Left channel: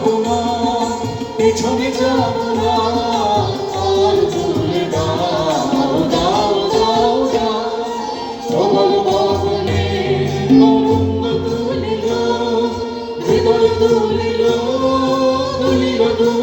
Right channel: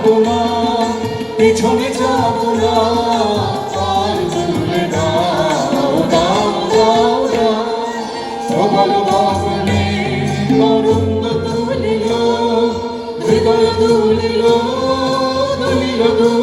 যাবো না, পিছনে যাবো না, তার তুলে দাও দাও দাও দাও। সবার গগনে তরঙ্গ তুলিল, হৃদয় তুলিল তুলিল।